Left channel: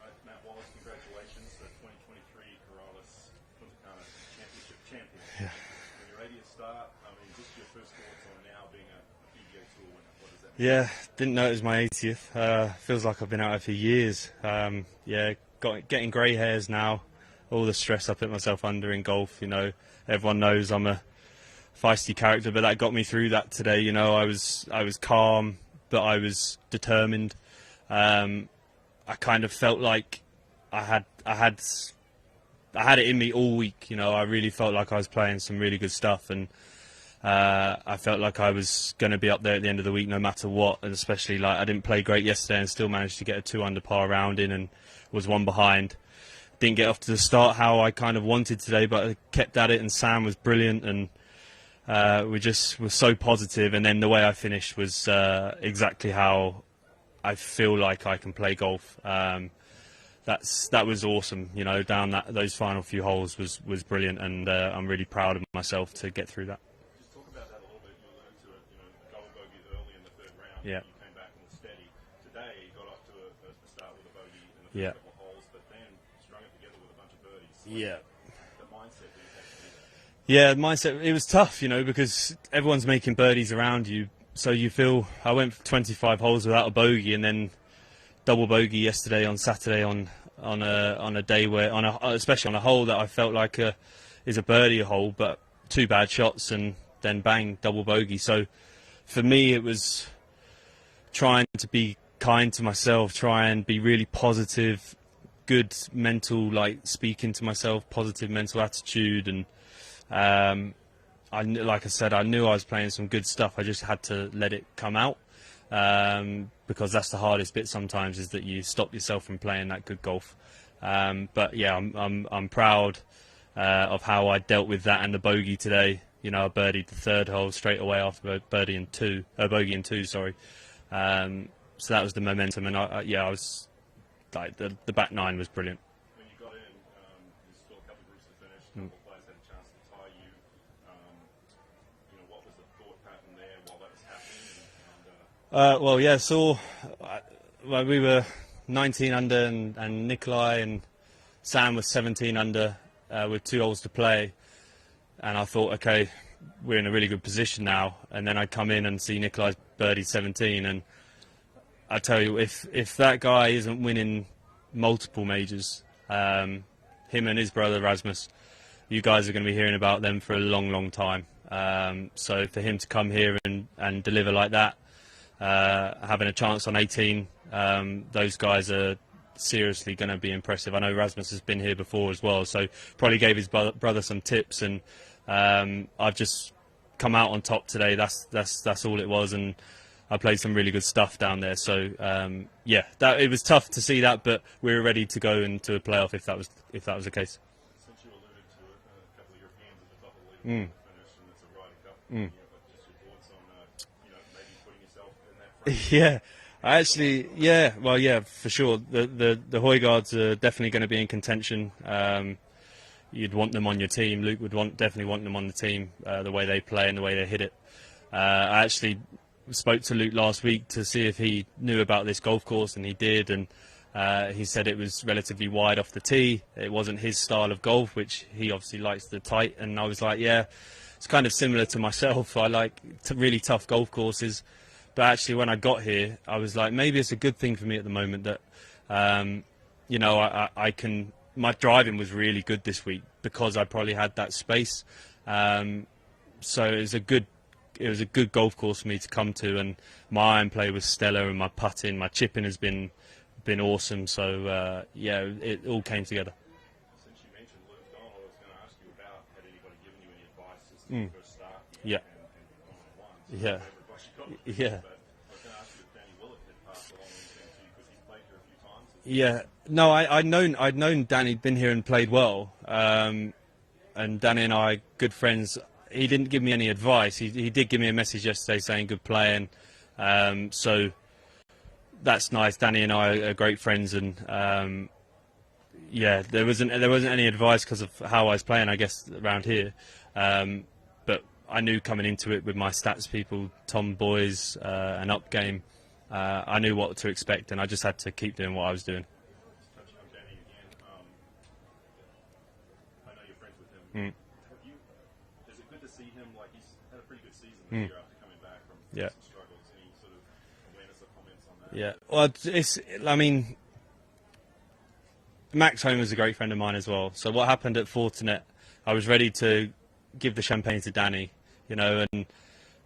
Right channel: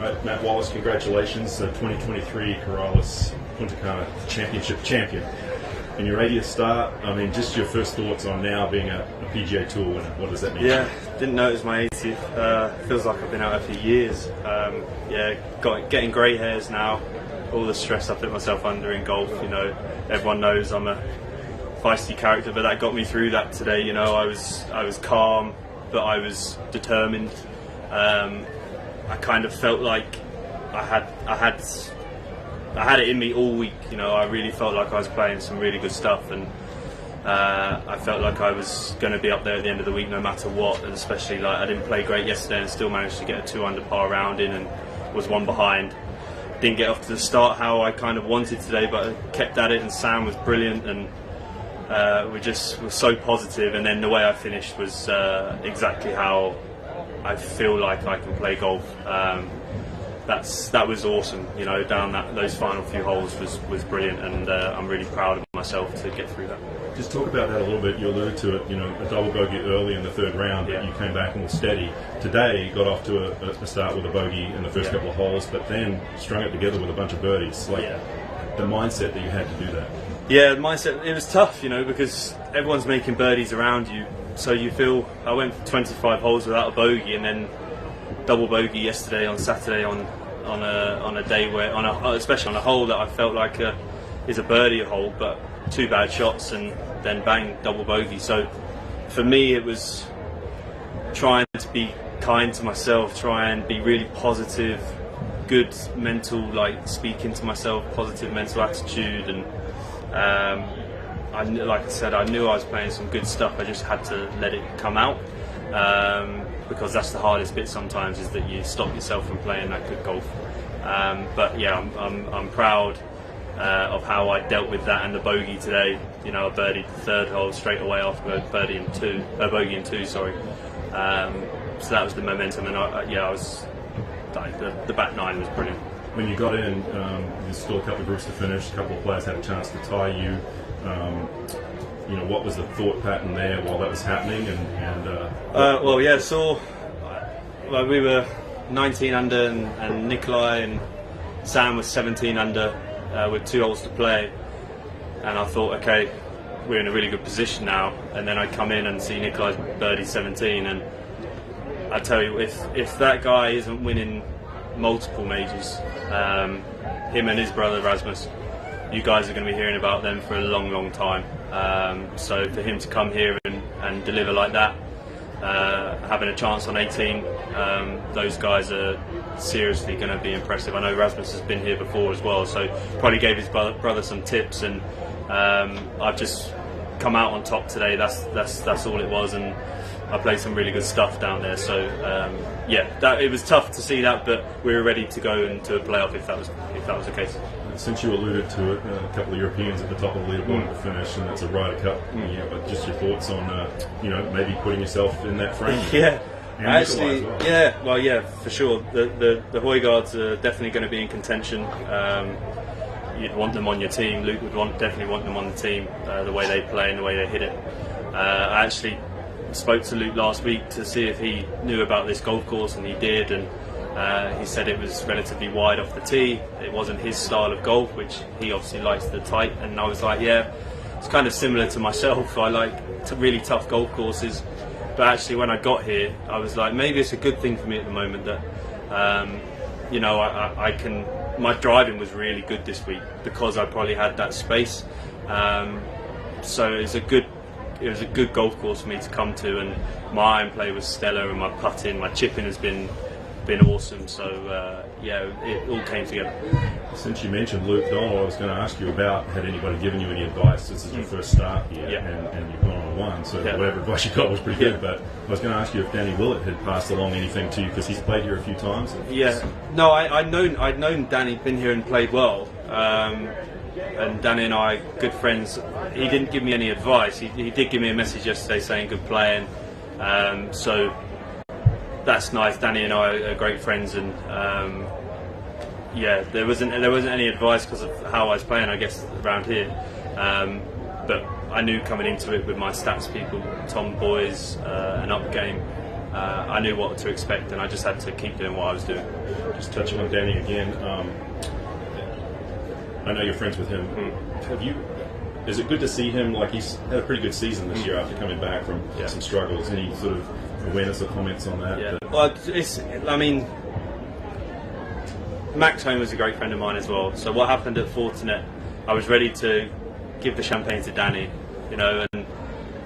Right, Matt Wallace, congratulations, 2023 Wallace Puntacana Championship champion. In your 80th start, I mean, just your first thoughts on now being a PGA Tour winner. What does that mean? Yeah, didn't know it was my 80th. Feels like I've been out there for years. Yeah, getting grey hairs now. All the stress I put myself under in golf, you know, everyone knows I'm a feisty character, but that got me through that today. You know, I was calm, but I was determined. I kind of felt like I had it in me all week. You know, I really felt like I was playing some really good stuff, and I felt like I was going to be up there at the end of the week no matter what. And especially, like, I didn't play great yesterday and still managed to get a 2 under par round in and was 1 behind. Didn't get off to the start how I kind of wanted today, but I kept at it, and Sam was brilliant, and we just were so positive. And then the way I finished was exactly how I feel like I can play golf. That was awesome, you know. Down those final few holes was brilliant, and I'm really proud of myself to get through that. Just talk about that a little bit. You alluded to it, you know, a double bogey early in the 3rd round. Yeah. You came back and were steady. Today, you got off to a start with a bogey in the first couple of holes, but then strung it together with a bunch of birdies. Like, the mindset that you had to do that. Yeah, the mindset, it was tough, you know, because everyone's making birdies around you. So you feel, I went for 25 holes without a bogey, and then double bogey yesterday on Saturday on a day where, especially on a hole that I felt like is a birdie hole, but 2 bad shots and then bang, double bogey. So for me, it was trying to be kind to myself, try and be really positive, good mental, like, speaking to myself, positive mental attitude, and like I said, I knew I was playing some good stuff. I just had to let it come out, because that's the hardest bit sometimes, is that you stop yourself from playing that good golf. But yeah, I'm proud of how I dealt with that and the bogey today. You know, I birdied the 3rd hole straight away after bogey in 2. Sorry. So that was the momentum, and I was like, the back 9 was brilliant. When you got in, there's still a couple of groups to finish. A couple of players had a chance to tie you. You know, what was the thought pattern there while that was happening? Well, yeah, so like, we were 19 under, and Nikolai and Sam was 17 under with 2 holes to play, and I thought, okay, we're in a really good position now. And then I come in and see Nikolai's birdie 17, and I tell you, if that guy isn't winning multiple majors, him and his brother Rasmus, you guys are going to be hearing about them for a long, long time. So for him to come here and deliver like that, having a chance on 18, those guys are seriously going to be impressive. I know Rasmus has been here before as well, so probably gave his brother some tips, and I've just come out on top today. That's all it was, and I played some really good stuff down there. So yeah, it was tough to see that, but we were ready to go into a playoff if that was the case. Since you alluded to it, a couple of Europeans at the top of the leaderboard to finish, and that's a Ryder Cup. Yeah, but just your thoughts on, you know, maybe putting yourself in that frame. Yeah, actually, well, for sure. The Højgaards are definitely going to be in contention. You'd want them on your team. Luke would definitely want them on the team. The way they play and the way they hit it. I actually spoke to Luke last week to see if he knew about this golf course, and he did, and he said it was relatively wide off the tee. It wasn't his style of golf, which he obviously likes the tight, and I was like, yeah, it's kind of similar to myself. I like really tough golf courses, but actually when I got here, I was like, maybe it's a good thing for me at the moment that you know, I can, my driving was really good this week because I probably had that space, so it was a good golf course for me to come to, and my iron play was stellar, and my putting, my chipping has been awesome. So yeah, it all came together. Since you mentioned Luke Donald, I was going to ask you about, had anybody given you any advice? This is your first start here, and you've gone on a 1, so whatever advice you got was pretty good. But I was going to ask you if Danny Willett had passed along anything to you, because he's played here a few times. No, I'd known Danny, been here and played well, and Danny and I are good friends. He didn't give me any advice. He did give me a message yesterday saying good play, and so that's nice. Danny and I are great friends, and yeah, there wasn't any advice because of how I was playing, I guess, around here. But I knew coming into it with my stats people, Tom Boys, and Up Game, I knew what to expect, and I just had to keep doing what I was doing. Just touching on Danny again, I know you're friends with him. Is it good to see him, like he's had a pretty good season this year after coming back from some struggles? Any sort of awareness or comments on that? Yeah. Well, I mean, Max Home was a great friend of mine as well. So what happened at Fortinet, I was ready to give the champagne to Danny, you know, and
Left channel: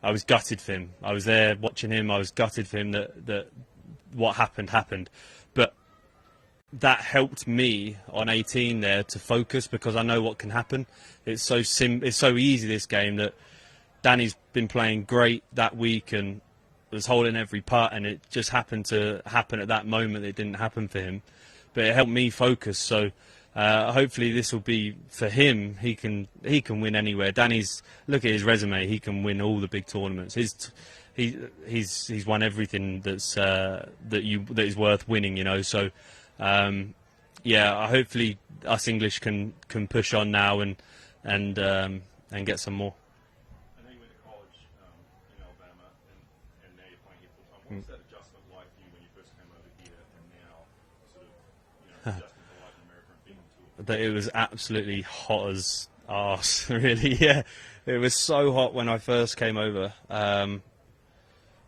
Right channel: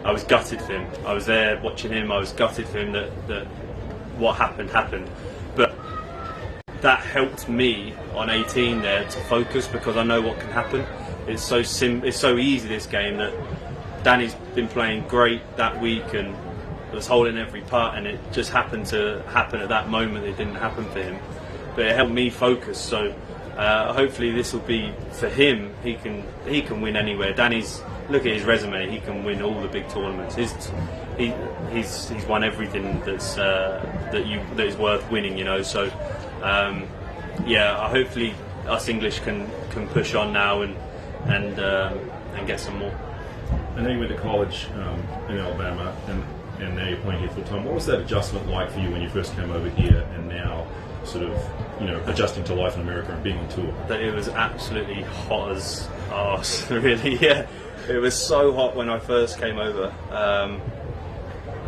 I was gutted for him. I was there watching him. I was gutted for him that what happened. But that helped me on 18 there to focus, because I know what can happen. It's so easy, this game, that Danny's been playing great that week and was holding every putt, and it just happened to happen at that moment. It didn't happen for him, but it helped me focus. So hopefully this will be for him. He can win anywhere. Danny's, look at his resume. He can win all the big tournaments. He's won everything that is worth winning. You know. So hopefully us English can push on now and get some more. I know you went to college in Alabama, and now you're playing here full time. What was that adjustment like for you when you first came over here, and now sort of, you know, adjusting to life in America and being on tour? That it was absolutely hot as arse, really. Yeah, it was so hot when I first came over. I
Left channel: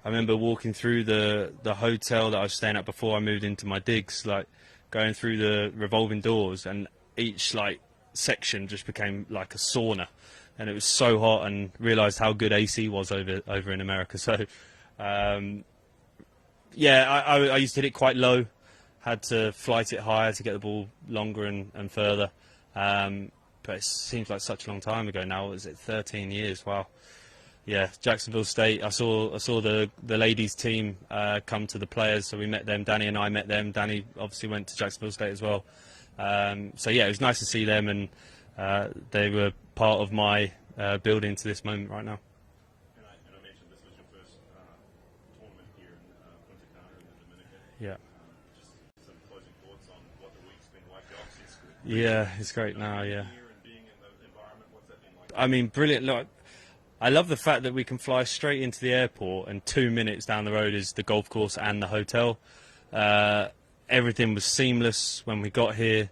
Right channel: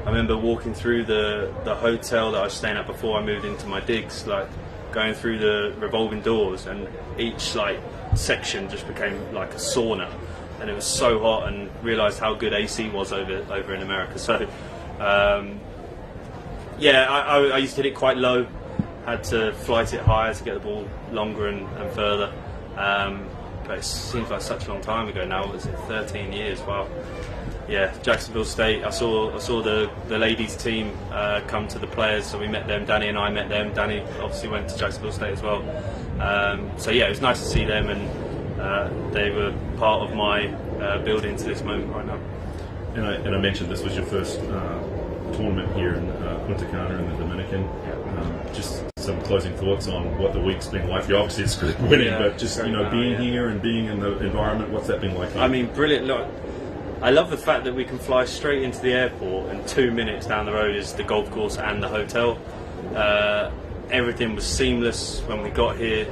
remember walking through the hotel that I was staying at before I moved into my digs, like going through the revolving doors, and each like section just became like a sauna, and it was so hot, and realised how good AC was over in America. So I used to hit it quite low, had to flight it higher to get the ball longer and further, but it seems like such a long time ago now. Was it 13 years? Wow. Yeah, Jacksonville State. I saw the ladies team come to the players, so we met them. Danny and I met them. Danny obviously went to Jacksonville State as well. So yeah, it was nice to see them, and they were part of my building to this moment right now. And I mentioned this was your first tournament here in Puntacana in the Dominican. Yeah. Just some closing thoughts on what the week's been like for you. Obviously, it's good winning, but just being here and being in the environment, what's that been like for you? I mean, brilliant. Look, I love the fact that we can fly straight into the airport, and 2 minutes down the road is the golf course and the hotel. Everything was seamless when we got here.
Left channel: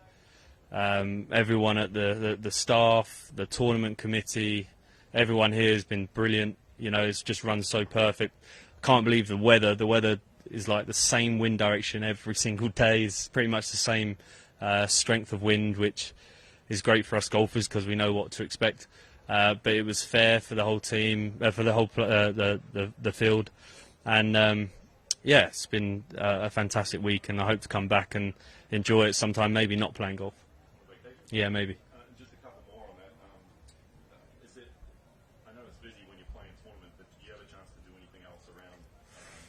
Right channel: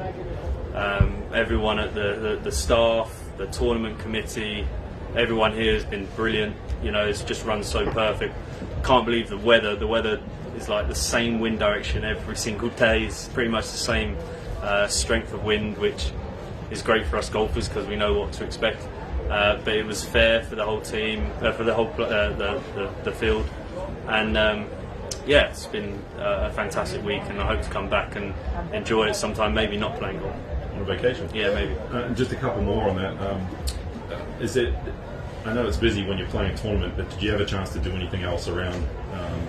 Everyone at the staff, the tournament committee, everyone here has been brilliant. You know, it's just run so perfect. Can't believe the weather. The weather is like the same wind direction every single day. It's pretty much the same strength of wind, which is great for us golfers because we know what to expect. But it was fair for the whole team, for the whole the field, and it's been a fantastic week, and I hope to come back and enjoy it sometime. Maybe not playing golf. On a vacation. Yeah, maybe. Just a couple more on that. Is it? I know it's busy when you're playing a tournament, but did you have a chance to do anything else around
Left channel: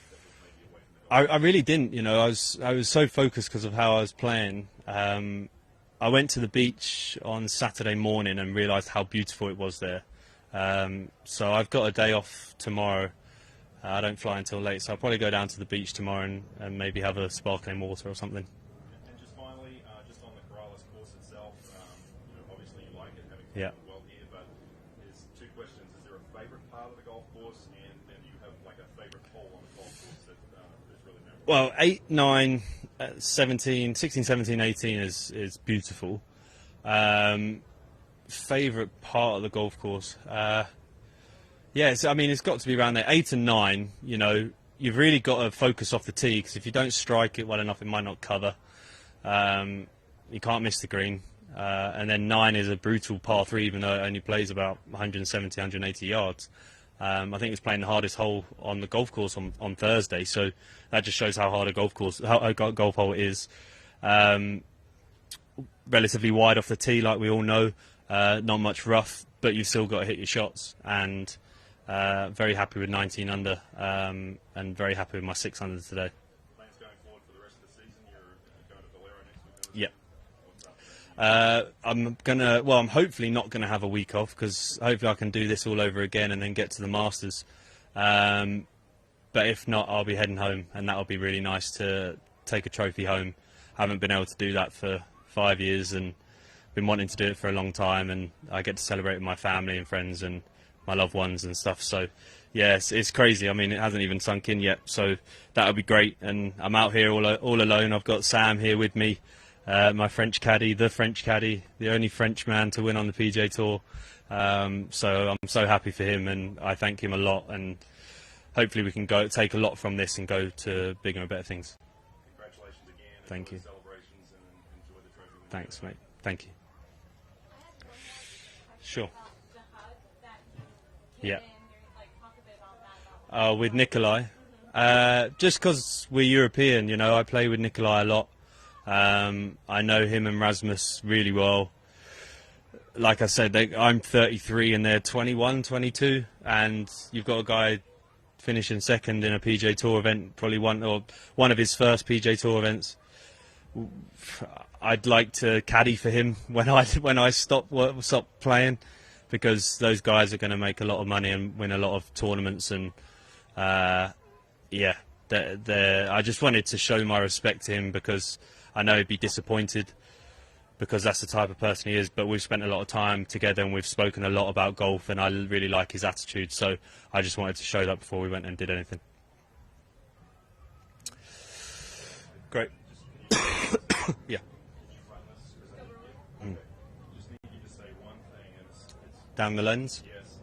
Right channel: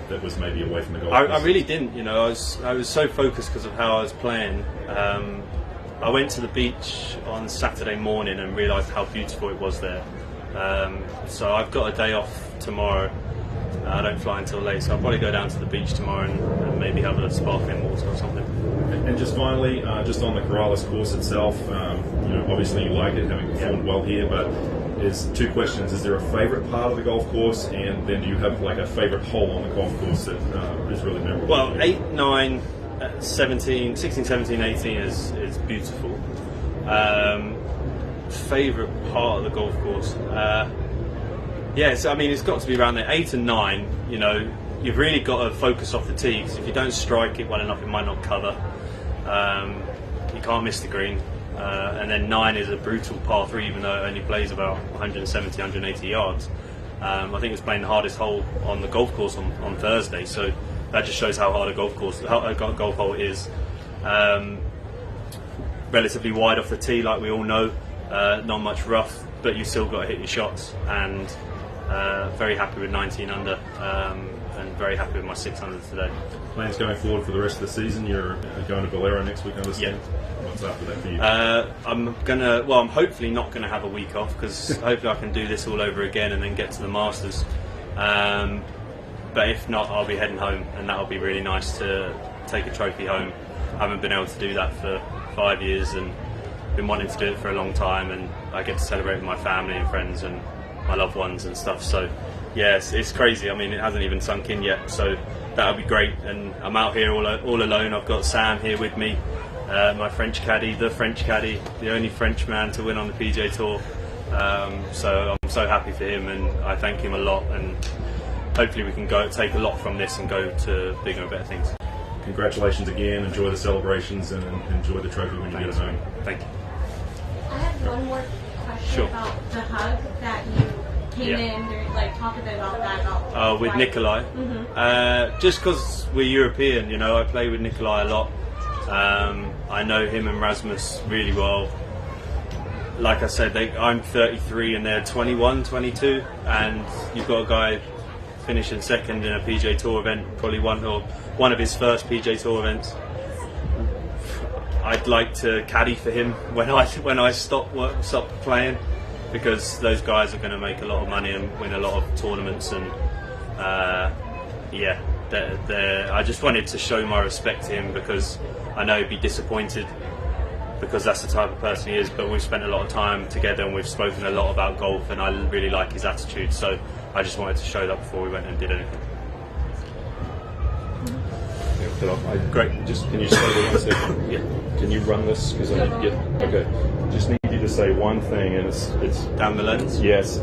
that was maybe away from the golf? I really didn't. You know, I was so focused because of how I was playing. I went to the beach on Saturday morning and realised how beautiful it was there. So I've got a day off tomorrow. I don't fly until late, so I'll probably go down to the beach tomorrow and maybe have a sparkling water or something. And just finally, just on the Corrales course itself, obviously you like it, having performed well here, but there's two questions. Is there a favourite part of the golf course, and then do you have like a favourite hole on the golf course that is really memorable? Well, 8, 9, 17, 16, 17, 18 is beautiful. Favourite part of the golf course? Yes, I mean, it's got to be around there. 8 and 9, you know, you've really got to focus off the tee, because if you don't strike it well enough, it might not cover. You can't miss the green. And then 9 is a brutal par 3, even though it only plays about 170, 180 yards. I think it was playing the hardest hole on the golf course on Thursday, so that just shows how hard a golf hole is. Relatively wide off the tee, like we all know, not much rough, but you still got to hit your shots. And very happy with 19 under, and very happy with my 6 under today. Plans going forward for the rest of the season? You're going to Valero next week, I understand? Yeah. What's after that for you? I'm hopefully not gonna have a week off, because hopefully I can do this all over again and then get to the Masters. But if not, I'll be heading home, and that'll be really nice to take a trophy home. I haven't been able to do that for 5 years, and been wanting to do it for a long time, and I get to celebrate with my family and friends and my loved ones and stuff. So yes, it's crazy. I mean, it hasn't even sunk in yet. So that'll be great. And I'm out here all alone. I've got Sam here with me, my French caddy, the only French man to win on the PGA Tour. So I'm so happy for him, and I thank him a lot. And hopefully we can take a lot from this and go to bigger and better things. Congratulations again. Enjoy the celebrations and enjoy the trophy when you get it home. Thank you. I have one more question about the hug that you came in. Like, talk a bit about that. With Nikolai. Just because we're European, you know, I play with Nikolai a lot. I know him and Rasmus really well. Like I said, I'm 33 and they're 21, 22, and you've got a guy finishing second in a PGA Tour event, probably one of his first PGA Tour events. I'd like to caddy for him when I stop playing, because those guys are going to make a lot of money and win a lot of tournaments. And yeah, I just wanted to show my respect to him, because I know he'd be disappointed, because that's the type of person he is. But we've spent a lot of time together and we've spoken a lot about golf, and I really like his attitude. So I just wanted to show that before we went and did anything. Great. Just can you stay there 1 second? Yeah. Can you run this? Because I need to get. Okay. Just need you to say one thing, and it's Down below. yes.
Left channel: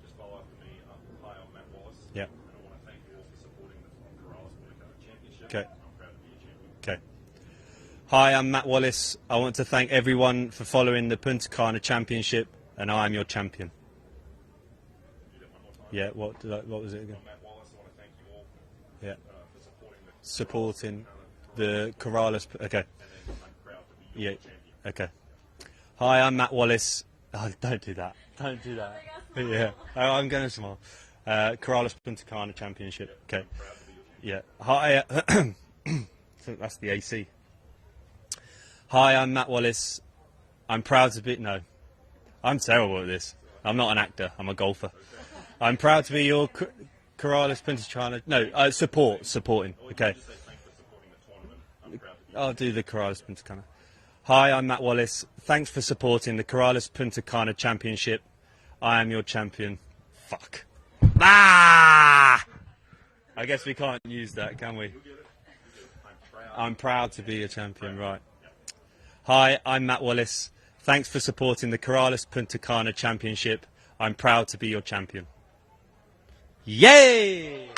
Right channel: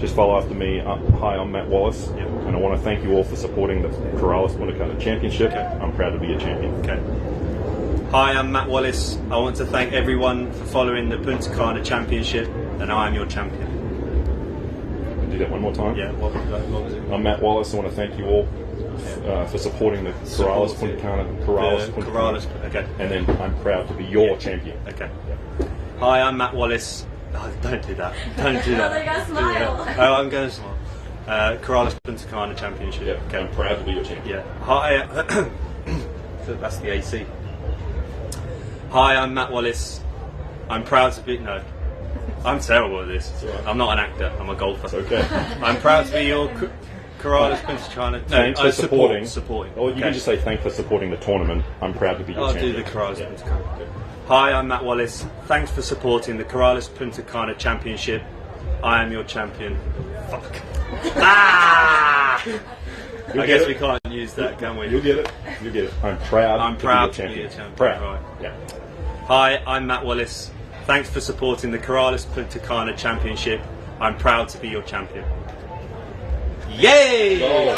Just follow after me. Hi, I'm Matt Wallace, and I want to thank you all for supporting the Puntacana Championship. Okay. I'm proud to be a champion. Okay. Hi, I'm Matt Wallace. I want to thank everyone for following the Puntacana Championship, and I am your champion. Do that one more time. Yeah. What was it? I'm Matt Wallace. I want to thank you all for supporting the Puntacana. Okay. And then I'm proud to be your champion. Okay. Hi, I'm Matt Wallace. Oh, don't do that. Don't do that. They gotta smile. Oh, I'm going to smile. Corrales Puntacana Championship. Yeah. Okay. I'm proud to be your champion. Yeah. Hi. So that's the AC. Hi, I'm Matt Wallace. I'm proud to be. No, I'm terrible at this. Right. I'm not an actor. I'm a golfer. Okay. I'm proud to be your Corrales Puntacana. Thanks for supporting. Supporting. Or you can just say thanks for supporting the tournament. I'm proud to be your I'll champion. do the Corales Puntacana. Hi, I'm Matt Wallace. Thanks for supporting the Corales Puntacana Championship. I am your champion. Fuck. Ah! I guess we can't use that, can we? You'll get it. You'll get it. I'm proud to be your champion. Proud. Right. Yeah. Hi, I'm Matt Wallace. Thanks for supporting the Corales Puntacana Championship. I'm proud to be your champion. Yay! Oh.